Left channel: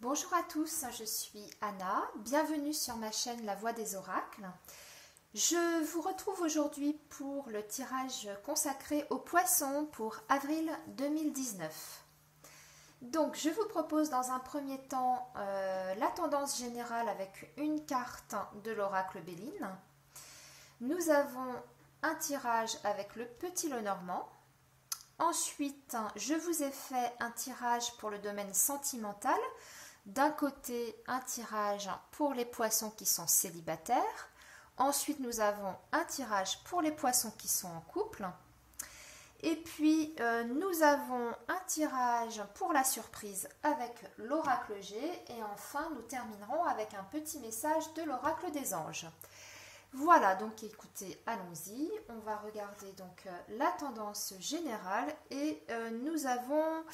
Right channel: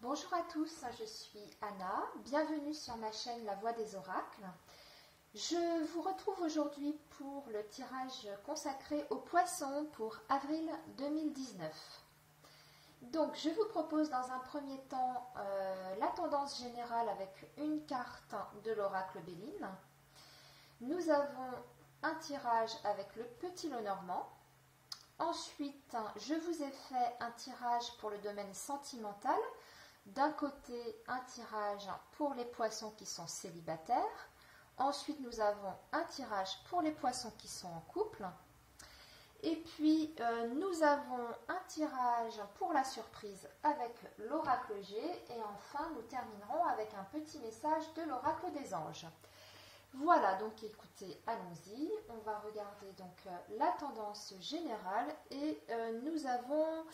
Bonjour à tous, je suis Anna, bienvenue sur ma chaîne La Voix des Oracles. Je vous retrouve aujourd'hui pour le tirage consacré aux poissons pour avril 2019. Donc je vous propose dans un premier temps la tendance générale avec une carte de l'oracle Béline. Nous avons un tirage avec le petit lot normand. Ensuite, je vous ai fait un tirage pour le domaine sentimental. D'un côté, un tirage pour les poissons qui sont célibataires. Ensuite, nous avons un tirage pour les poissons qui sont en couple. Et puis, nous avons un tirage pour la surprise avec l'oracle G. Et enfin, nous terminerons avec un petit message de l'oracle des anges. Voilà, donc écoutez, allons-y. On va regarder donc la tendance générale et nous avons,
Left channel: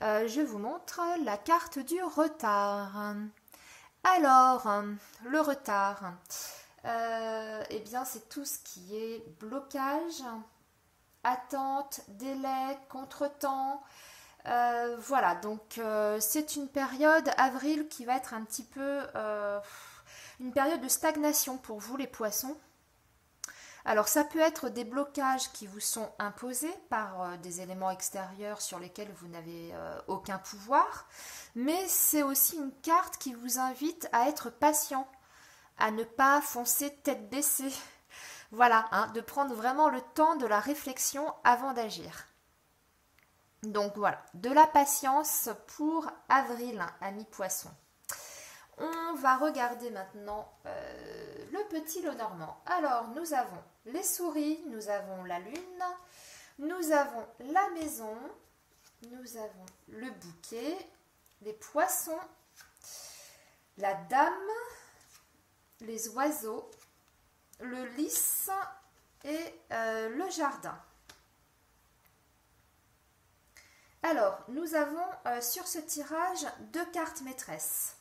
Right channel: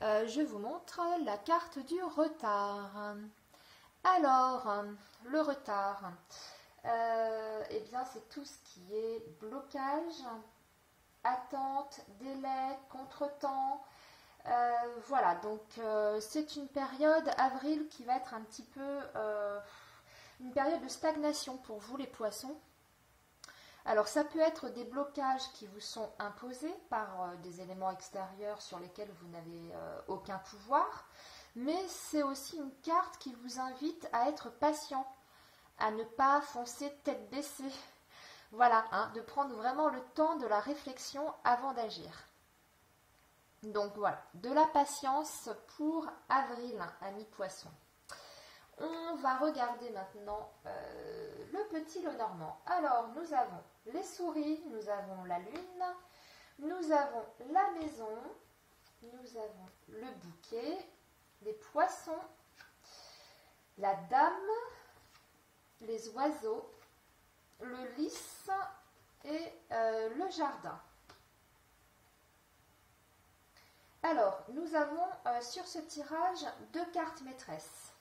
je vous montre la carte du retard. Alors, le retard, eh bien c'est tout ce qui est blocage, attente, délai, contretemps. Voilà, donc c'est une période avril qui va être un petit peu une période de stagnation pour vous les poissons. Alors ça peut être des blocages qui vous sont imposés par des éléments extérieurs sur lesquels vous n'avez aucun pouvoir, mais c'est aussi une carte qui vous invite à être patient, à ne pas foncer tête baissée. Voilà, hein, de prendre vraiment le temps de la réflexion avant d'agir. Donc voilà, de la patience pour avril, amis poissons. On va regarder maintenant le petit lot normand. Alors, nous avons les souris, nous avons la lune, nous avons la maison, nous avons le bouquet, les poissons, la dame, les oiseaux, le lys et le jardin. Alors, nous avons sur ce tirage deux cartes maîtresses.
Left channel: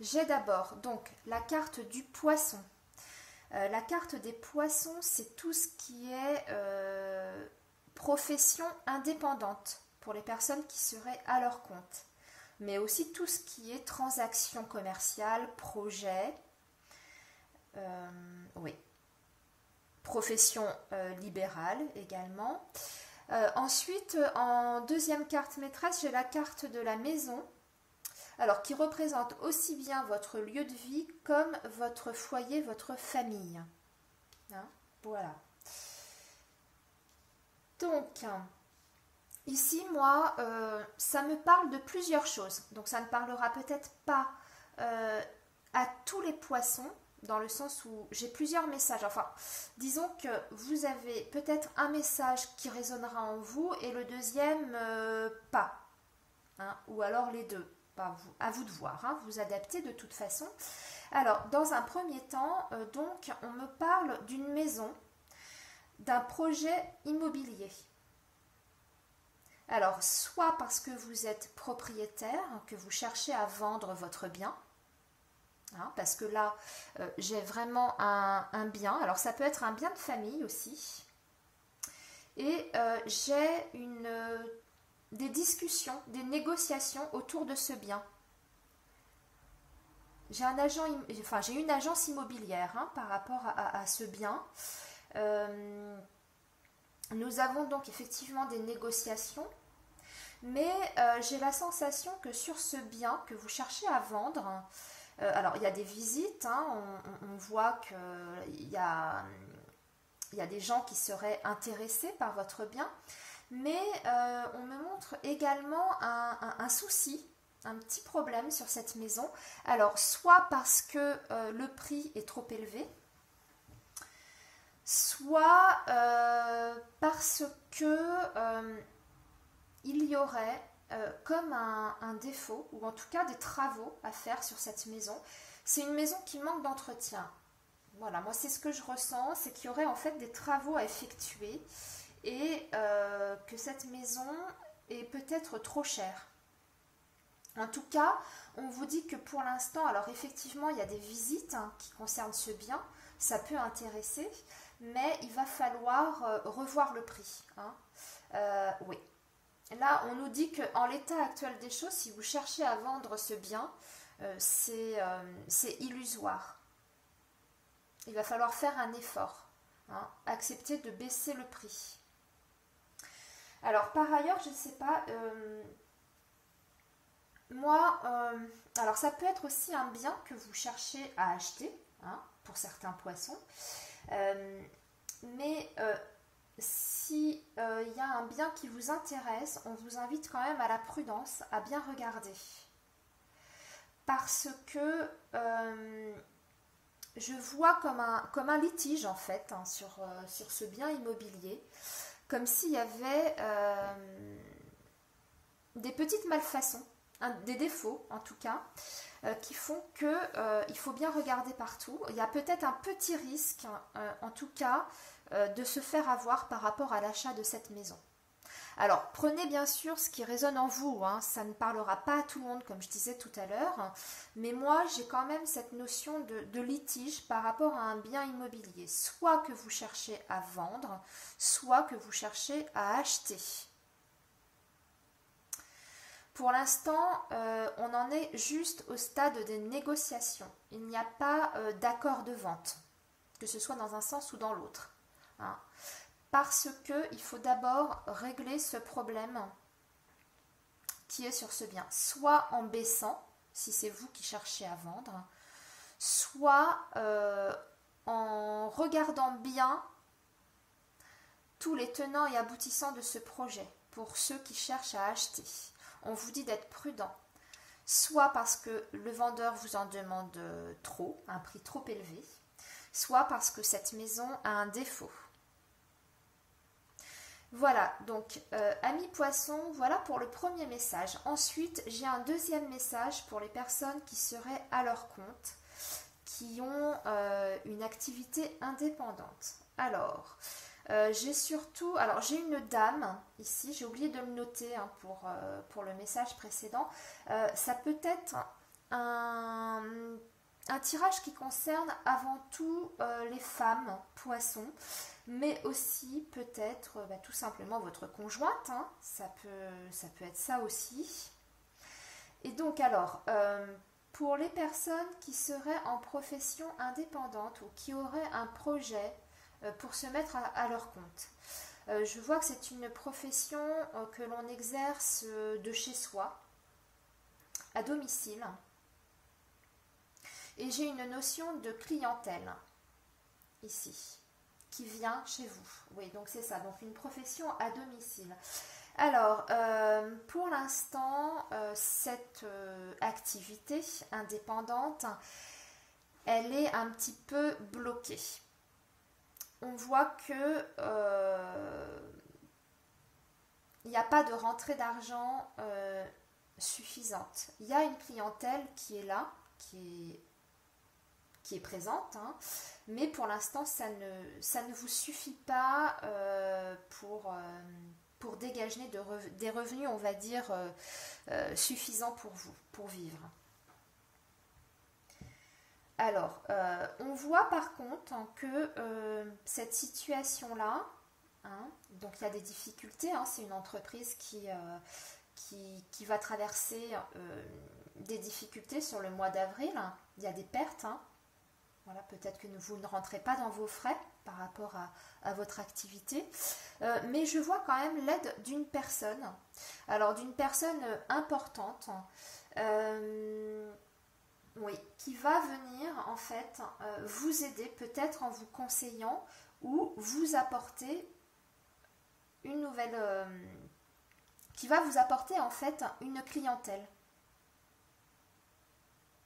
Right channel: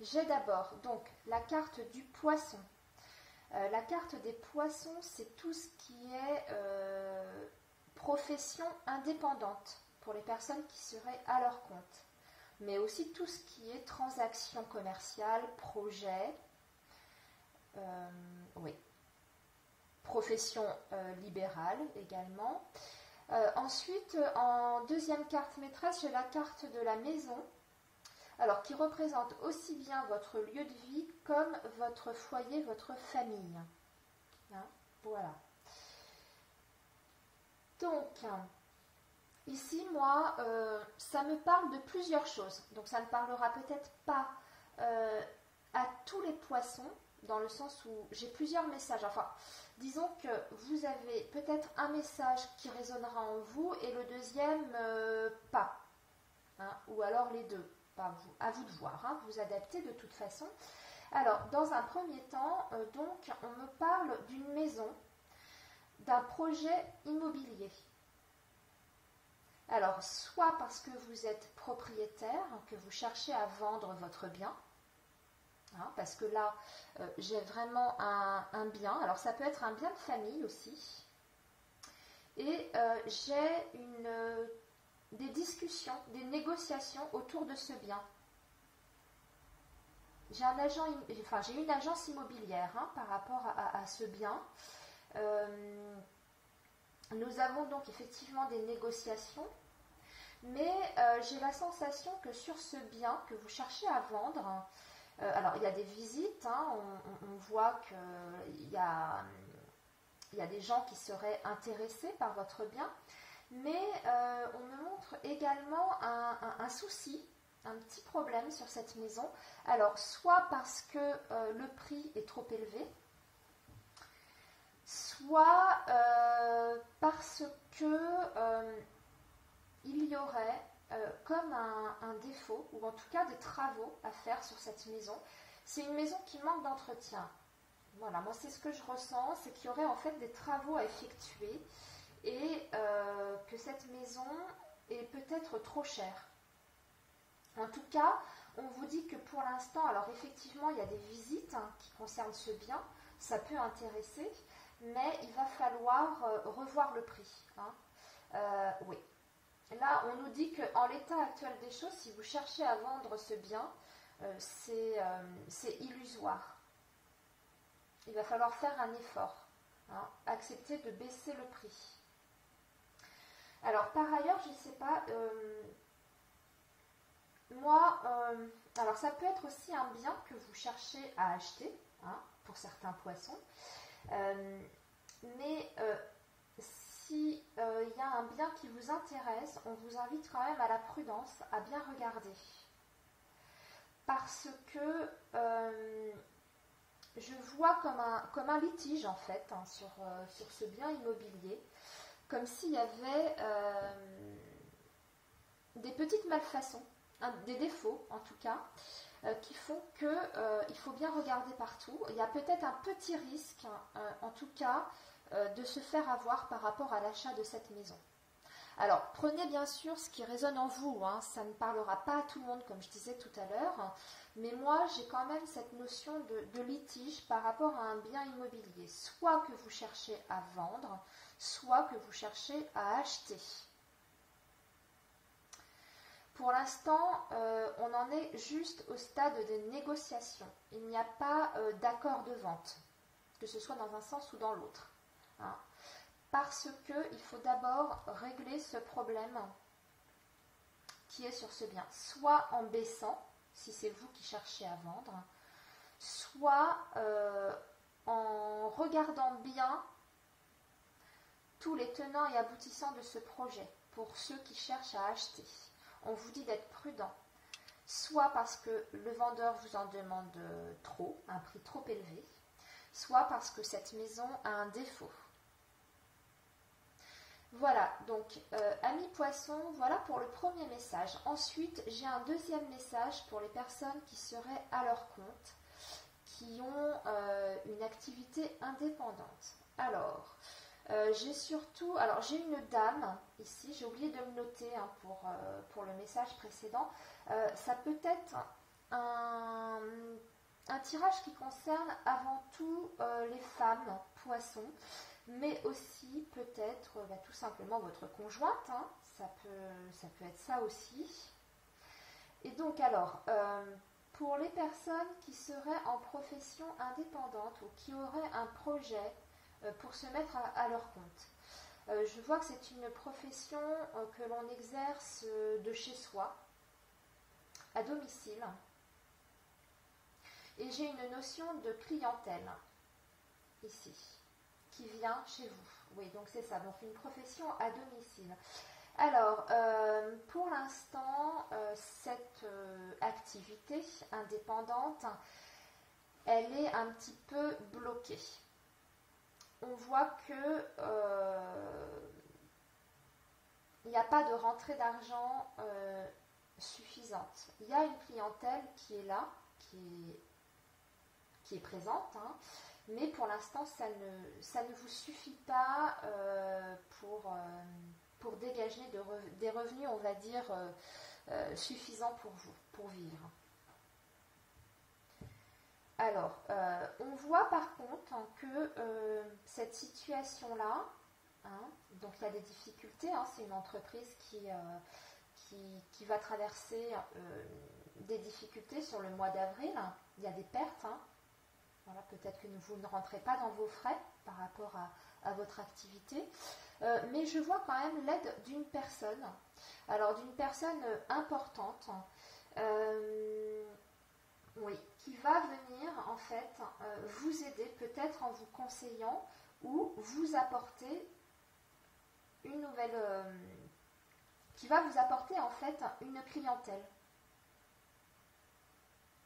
J'ai d'abord donc la carte du poisson. La carte des poissons, c'est tout ce qui est profession indépendante pour les personnes qui seraient à leur compte. Mais aussi tout ce qui est transaction commerciale, projet, oui, profession libérale également. Ensuite, en deuxième carte maîtresse, j'ai la carte de la maison. Alors, qui représente aussi bien votre lieu de vie comme votre foyer, votre famille. Hein, voilà. Donc, ici, moi, ça me parle de plusieurs choses. Donc, ça ne parlera peut-être pas à tous les poissons, dans le sens où j'ai plusieurs messages. Enfin, disons que vous avez peut-être un message qui résonnera en vous et le deuxième, pas. Hein, ou alors les deux. À vous de voir, hein, vous adaptez de toute façon. Alors, dans un premier temps, donc, on me parle d'une maison, d'un projet immobilier. Alors, soit parce que vous êtes propriétaire, que vous cherchez à vendre votre bien, hein, parce que là, j'ai vraiment un bien. Alors, ça peut être un bien de famille aussi. Et j'ai des discussions, des négociations autour de ce bien. J'ai une agence immobilière hein, par rapport à ce bien. Nous avons donc effectivement des négociations, mais j'ai la sensation que sur ce bien que vous cherchez à vendre, alors il y a des visites, hein, on voit qu'il y a des gens qui seraient intéressés par votre bien, mais on me montre également un souci, un petit problème sur cette maison. Alors, soit parce que le prix est trop élevé, soit parce que il y aurait comme un défaut, ou en tout cas des travaux à faire sur cette maison. C'est une maison qui manque d'entretien. Voilà, moi c'est ce que je ressens, c'est qu'il y aurait en fait des travaux à effectuer et que cette maison est peut-être trop chère. En tout cas, on vous dit que pour l'instant, alors effectivement, il y a des visites hein, qui concernent ce bien, ça peut intéresser, mais il va falloir revoir le prix. Hein. Oui. Là, on nous dit qu'en l'état actuel des choses, si vous cherchez à vendre ce bien, c'est illusoire. Il va falloir faire un effort, hein, accepter de baisser le prix. Alors, par ailleurs, je ne sais pas, moi, alors ça peut être aussi un bien que vous cherchez à acheter, hein, pour certains poissons, mais si il y a un bien qui vous intéresse, on vous invite quand même à la prudence, à bien regarder. Parce que je vois comme un litige en fait, hein, sur ce bien immobilier, comme s'il y avait des petites malfaçons, des défauts en tout cas, qui font que il faut bien regarder partout. Il y a peut-être un petit risque, en tout cas, de se faire avoir par rapport à l'achat de cette maison. Alors, prenez bien sûr ce qui résonne en vous, hein. Ça ne parlera pas à tout le monde, comme je disais tout à l'heure, mais moi, j'ai quand même cette notion de litige par rapport à un bien immobilier, soit que vous cherchez à vendre, soit que vous cherchez à acheter. Pour l'instant, on en est juste au stade des négociations. Il n'y a pas d'accord de vente, que ce soit dans un sens ou dans l'autre, hein. Parce qu'il faut d'abord régler ce problème qui est sur ce bien, soit en baissant, si c'est vous qui cherchez à vendre, soit en regardant bien tous les tenants et aboutissants de ce projet pour ceux qui cherchent à acheter. On vous dit d'être prudent, soit parce que le vendeur vous en demande trop, un prix trop élevé, soit parce que cette maison a un défaut. Voilà, donc amis poissons, voilà pour le premier message. Ensuite, j'ai un deuxième message pour les personnes qui seraient à leur compte, qui ont une activité indépendante. Alors, j'ai une dame ici, j'ai oublié de me noter, hein, pour le message précédent. Ça peut être un tirage qui concerne avant tout les femmes poissons, mais aussi peut-être tout simplement votre conjointe, hein, ça peut être ça aussi. Et donc alors, pour les personnes qui seraient en profession indépendante ou qui auraient un projet pour se mettre à leur compte, je vois que c'est une profession que l'on exerce de chez soi, à domicile, et j'ai une notion de clientèle ici qui vient chez vous. Oui, donc c'est ça, donc une profession à domicile. Alors, pour l'instant, cette activité indépendante, elle est un petit peu bloquée. On voit que il n'y a pas de rentrée d'argent suffisante. Il y a une clientèle qui est là, qui est présente, hein, mais pour l'instant ça ne vous suffit pas pour dégager des revenus, on va dire, suffisants pour vous, pour vivre. Alors, on voit par contre, hein, que cette situation-là, hein, donc il y a des difficultés, hein, c'est une entreprise qui va traverser des difficultés sur le mois d'avril, il y a des pertes, hein. Voilà, peut-être que vous ne rentrez pas dans vos frais par rapport à votre activité, mais je vois quand même l'aide d'une personne, alors d'une personne importante, oui, qui va venir en fait vous aider peut-être en vous conseillant ou vous apporter une nouvelle, qui va vous apporter en fait une clientèle.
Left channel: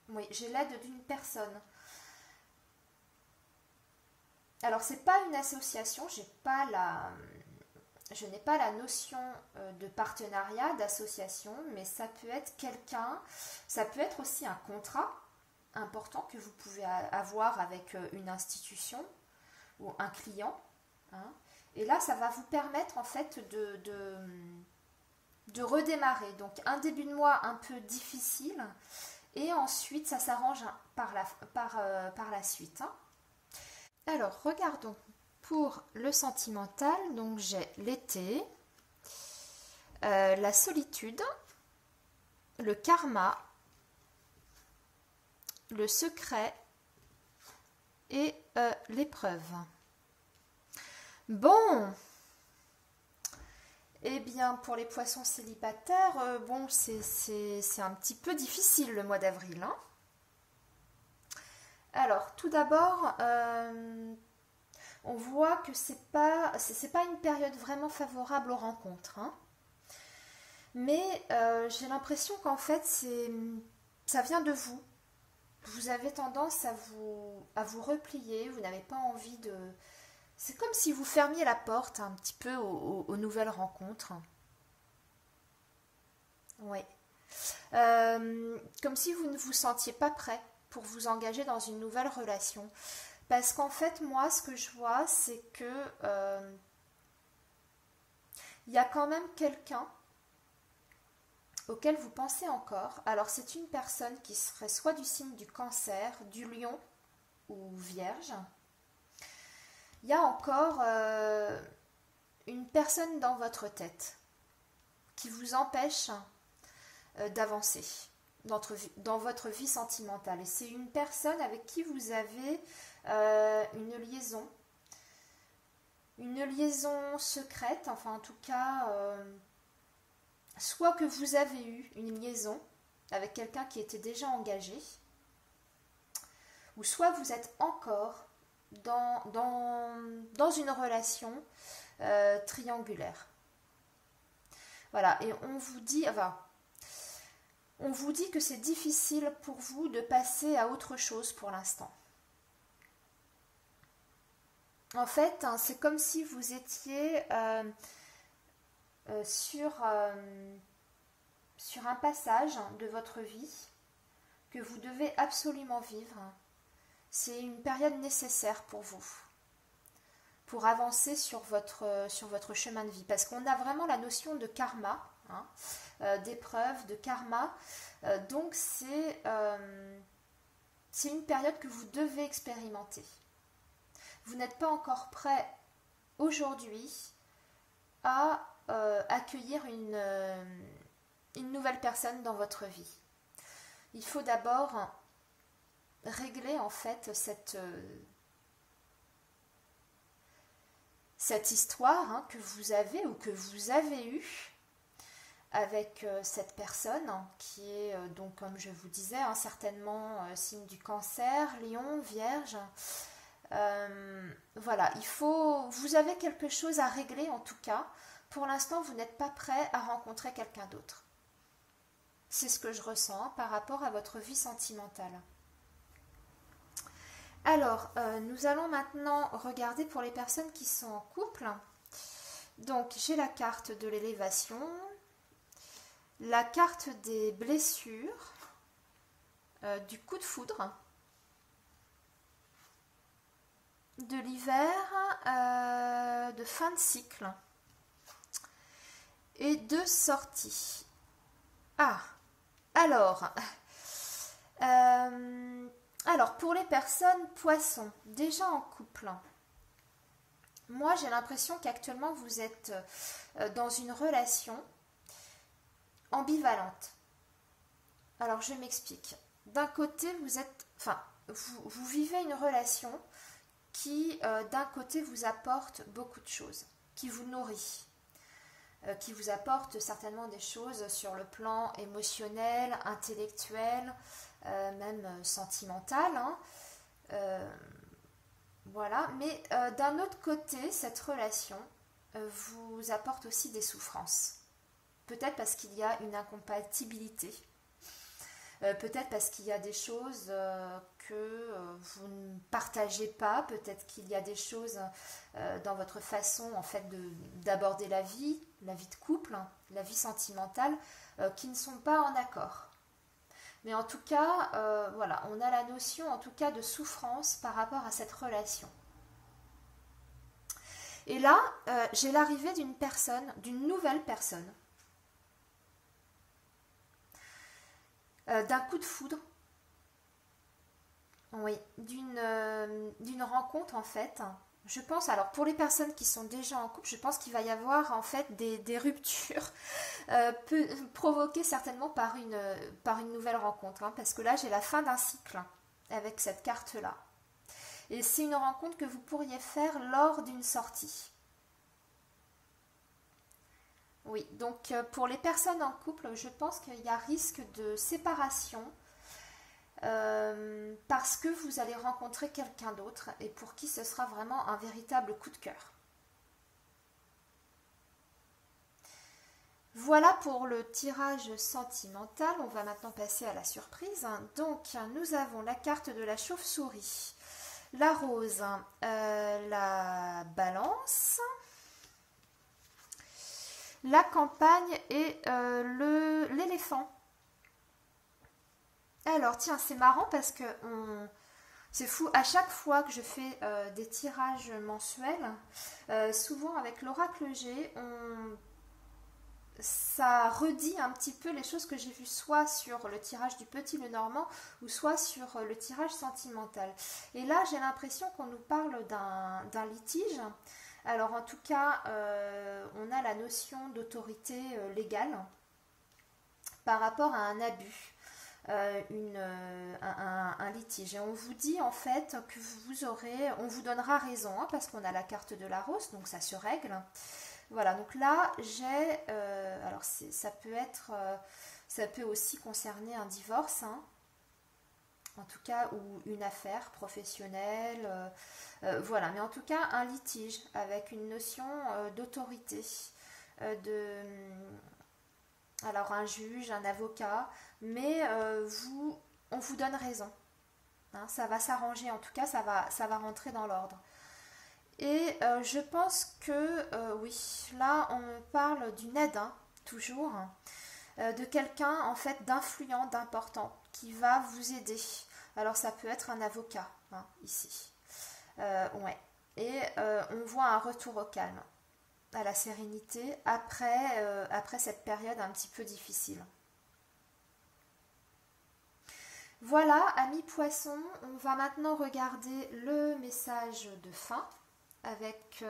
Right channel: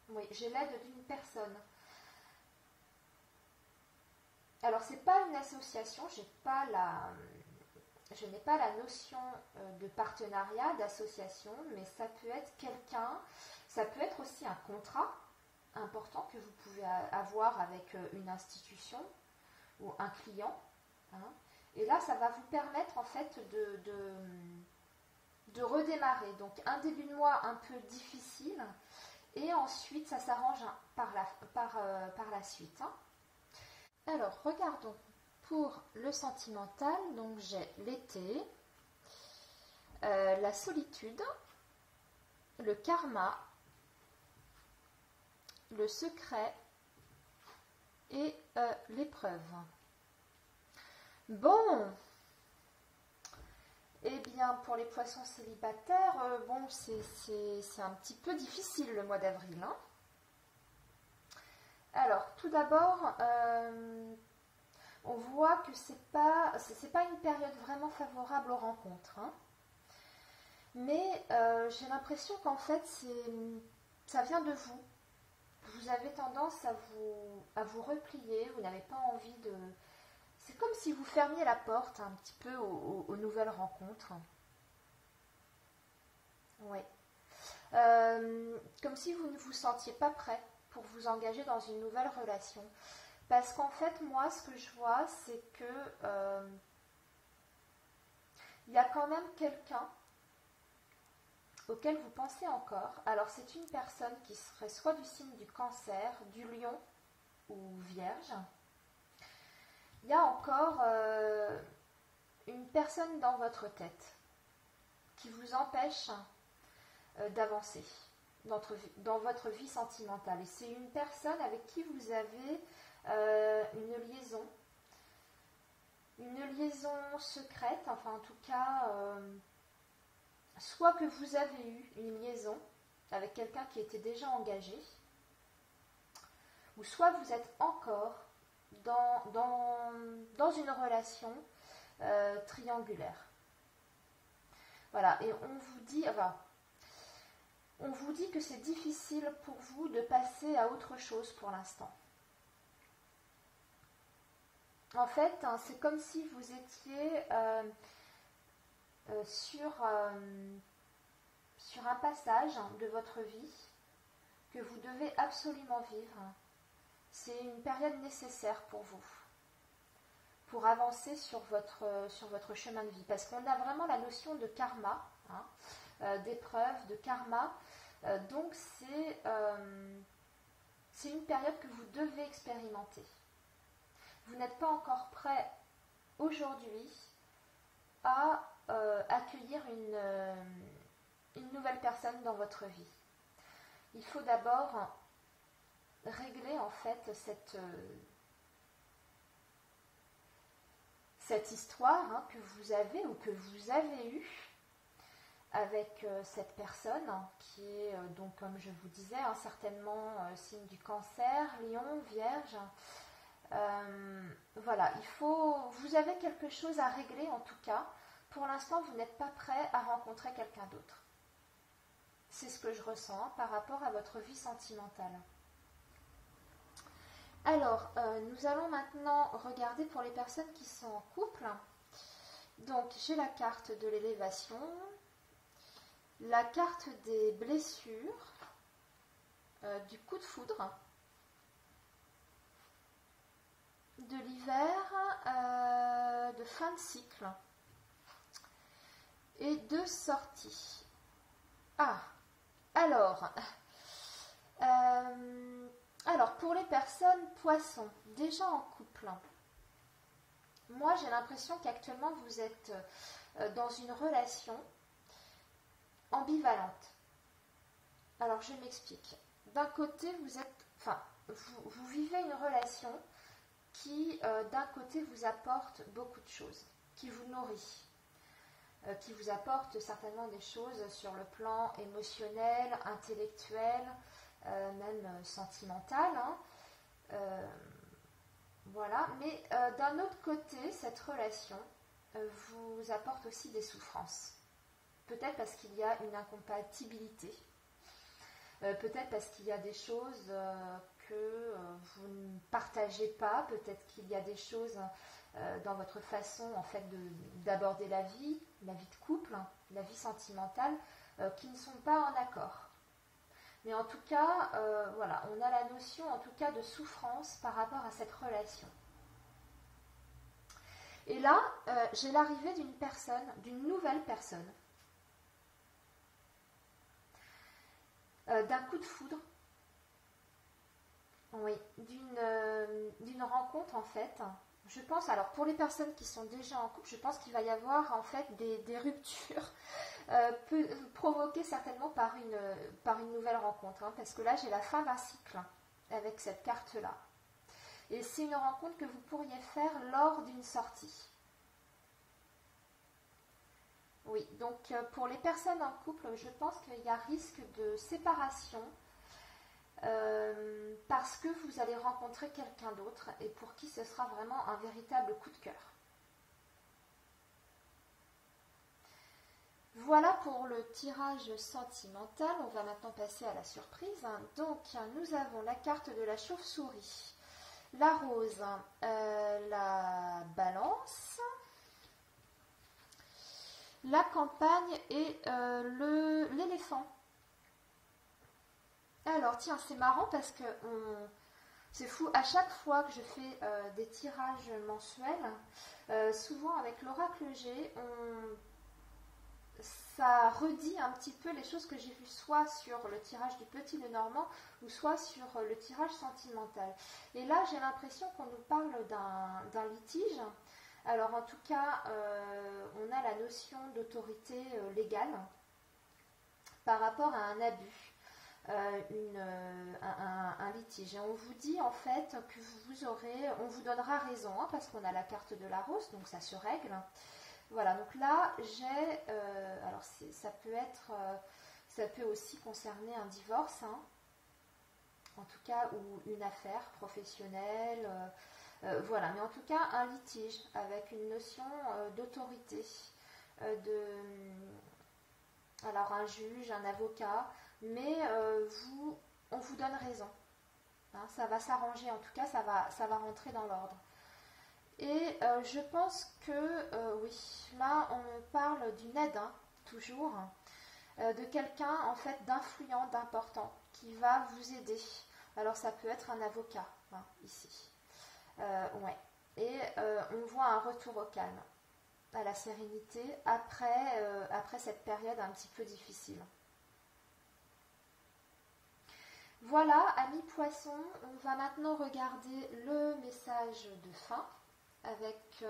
Oui, j'ai l'aide d'une personne. Alors, c'est pas une association, je n'ai pas la notion de partenariat, d'association, mais ça peut être quelqu'un, ça peut être aussi un contrat important que vous pouvez avoir avec une institution ou un client, hein. Et là, ça va vous permettre en fait de redémarrer. Donc, un début de mois un peu difficile, et ensuite, ça s'arrange par la suite, hein. Alors, regardons pour le sentimental. Donc, j'ai l'été. la solitude, le karma, le secret et l'épreuve. Bon, eh bien pour les poissons célibataires, bon c'est un petit peu difficile le mois d'avril, hein. Alors tout d'abord, on voit que c'est pas une période vraiment favorable aux rencontres, hein. Mais j'ai l'impression qu'en fait ça vient de vous. Vous avez tendance à vous replier, vous n'avez pas envie de... C'est comme si vous fermiez la porte un petit peu aux nouvelles rencontres. Oui. Comme si vous ne vous sentiez pas prêt pour vous engager dans une nouvelle relation. Parce qu'en fait, moi, ce que je vois, c'est que il y a quand même quelqu'un auquel vous pensez encore. Alors, c'est une personne qui serait soit du signe du Cancer, du Lion ou Vierge. Il y a encore une personne dans votre tête qui vous empêche d'avancer dans votre vie sentimentale. Et c'est une personne avec qui vous avez une liaison secrète, enfin en tout cas, soit que vous avez eu une liaison avec quelqu'un qui était déjà engagé, ou soit vous êtes encore dans une relation triangulaire. Voilà, et on vous dit que c'est difficile pour vous de passer à autre chose pour l'instant. En fait, hein, c'est comme si vous étiez sur un passage de votre vie que vous devez absolument vivre. C'est une période nécessaire pour vous, pour avancer sur votre chemin de vie. Parce qu'on a vraiment la notion de karma, hein, d'épreuve, de karma. Donc c'est une période que vous devez expérimenter. Vous n'êtes pas encore prêt aujourd'hui à accueillir une nouvelle personne dans votre vie. Il faut d'abord régler en fait cette histoire, hein, que vous avez ou que vous avez eue avec cette personne, hein, qui est donc, comme je vous disais, hein, certainement signe du Cancer, Lion, Vierge. Voilà, vous avez quelque chose à régler en tout cas. Pour l'instant, vous n'êtes pas prêt à rencontrer quelqu'un d'autre. C'est ce que je ressens, hein, par rapport à votre vie sentimentale. Alors, nous allons maintenant regarder pour les personnes qui sont en couple. Donc, j'ai la carte de l'élévation, la carte des blessures, du coup de foudre, de l'hiver, de fin de cycle et de sortie. Ah, alors pour les personnes poissons, déjà en couple, moi j'ai l'impression qu'actuellement vous êtes dans une relation ambivalente. Alors je m'explique. D'un côté vous vivez une relation qui d'un côté vous apporte beaucoup de choses, qui vous nourrit, qui vous apporte certainement des choses sur le plan émotionnel, intellectuel, même sentimental, hein. Voilà, mais d'un autre côté, cette relation vous apporte aussi des souffrances. Peut-être parce qu'il y a une incompatibilité, peut-être parce qu'il y a des choses que vous ne partagez pas, peut-être qu'il y a des choses dans votre façon en fait d'aborder la vie de couple, la vie sentimentale, qui ne sont pas en accord. Mais en tout cas, voilà, on a la notion en tout cas de souffrance par rapport à cette relation. Et là, j'ai l'arrivée d'une nouvelle personne, d'un coup de foudre, oui, d'une rencontre en fait, Je pense, alors pour les personnes qui sont déjà en couple, je pense qu'il va y avoir en fait des ruptures provoquées certainement par une nouvelle rencontre. Hein, parce que là, j'ai la fin d'un cycle avec cette carte-là. Et c'est une rencontre que vous pourriez faire lors d'une sortie. Oui, donc pour les personnes en couple, je pense qu'il y a risque de séparation parce que vous allez rencontrer quelqu'un d'autre et pour qui ce sera vraiment un véritable coup de cœur. Voilà pour le tirage sentimental. On va maintenant passer à la surprise. Donc, nous avons la carte de la chauve-souris, la rose, la balance, la campagne et l'éléphant. Alors, tiens, c'est marrant parce que c'est fou, à chaque fois que je fais des tirages mensuels, souvent avec l'oracle G, ça redit un petit peu les choses que j'ai vues soit sur le tirage du Petit Lenormand ou soit sur le tirage sentimental. Et là, j'ai l'impression qu'on nous parle d'un litige. Alors, en tout cas, on a la notion d'autorité légale par rapport à un abus. Un litige. Et on vous dit en fait que on vous donnera raison, hein, parce qu'on a la carte de la rose, donc ça se règle. Voilà, donc là j'ai, alors ça peut aussi concerner un divorce, hein, en tout cas, ou une affaire professionnelle, voilà, mais en tout cas un litige avec une notion d'autorité, alors un juge, un avocat, mais on vous donne raison. Hein, ça va s'arranger, en tout cas, ça va rentrer dans l'ordre. Et je pense que, oui, là, on parle d'une aide, hein, toujours, de quelqu'un, en fait, d'influent, d'important, qui va vous aider. Alors, ça peut être un avocat, hein, ici. Ouais. Et on voit un retour au calme, à la sérénité, après cette période un petit peu difficile. Voilà, amis poissons, on va maintenant regarder le message de fin avec...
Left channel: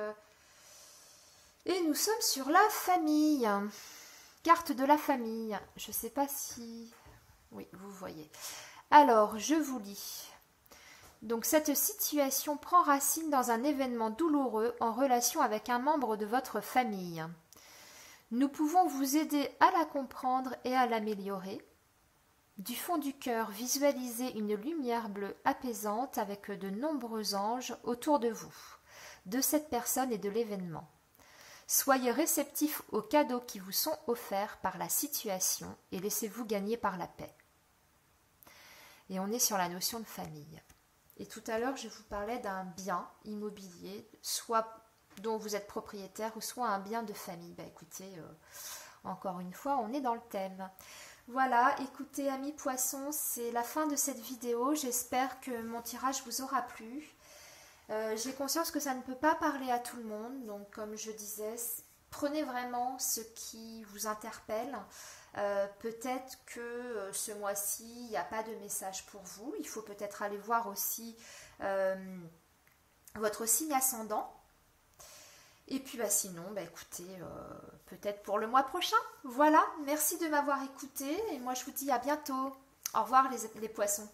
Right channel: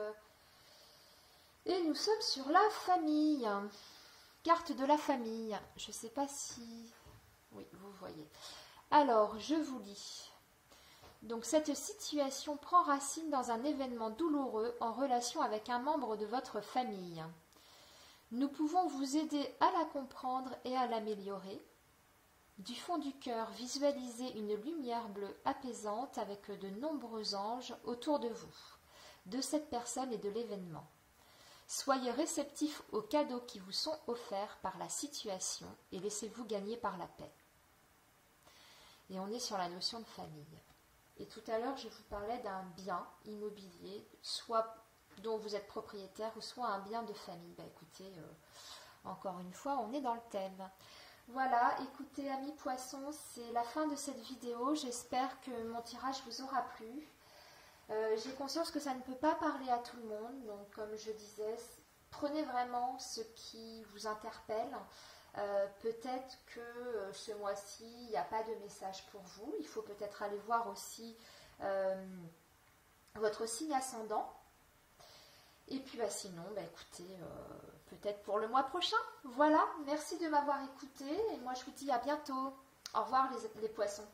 et nous sommes sur la famille. Carte de la famille. Je ne sais pas si... Oui, vous voyez. Alors, je vous lis. Donc, cette situation prend racine dans un événement douloureux en relation avec un membre de votre famille. Nous pouvons vous aider à la comprendre et à l'améliorer. Du fond du cœur, visualisez une lumière bleue apaisante avec de nombreux anges autour de vous, de cette personne et de l'événement. Soyez réceptifs aux cadeaux qui vous sont offerts par la situation et laissez-vous gagner par la paix. Et on est sur la notion de famille. Et tout à l'heure, je vous parlais d'un bien immobilier, soit dont vous êtes propriétaire, ou soit un bien de famille. Bah, écoutez, encore une fois, on est dans le thème. Voilà, écoutez, amis poissons, c'est la fin de cette vidéo. J'espère que mon tirage vous aura plu. J'ai conscience que ça ne peut pas parler à tout le monde, donc comme je disais, prenez vraiment ce qui vous interpelle. Peut-être que ce mois-ci, il n'y a pas de message pour vous. Il faut peut-être aller voir aussi votre signe ascendant. Et puis sinon, écoutez, peut-être pour le mois prochain. Voilà, merci de m'avoir écouté et moi je vous dis à bientôt. Au revoir les poissons.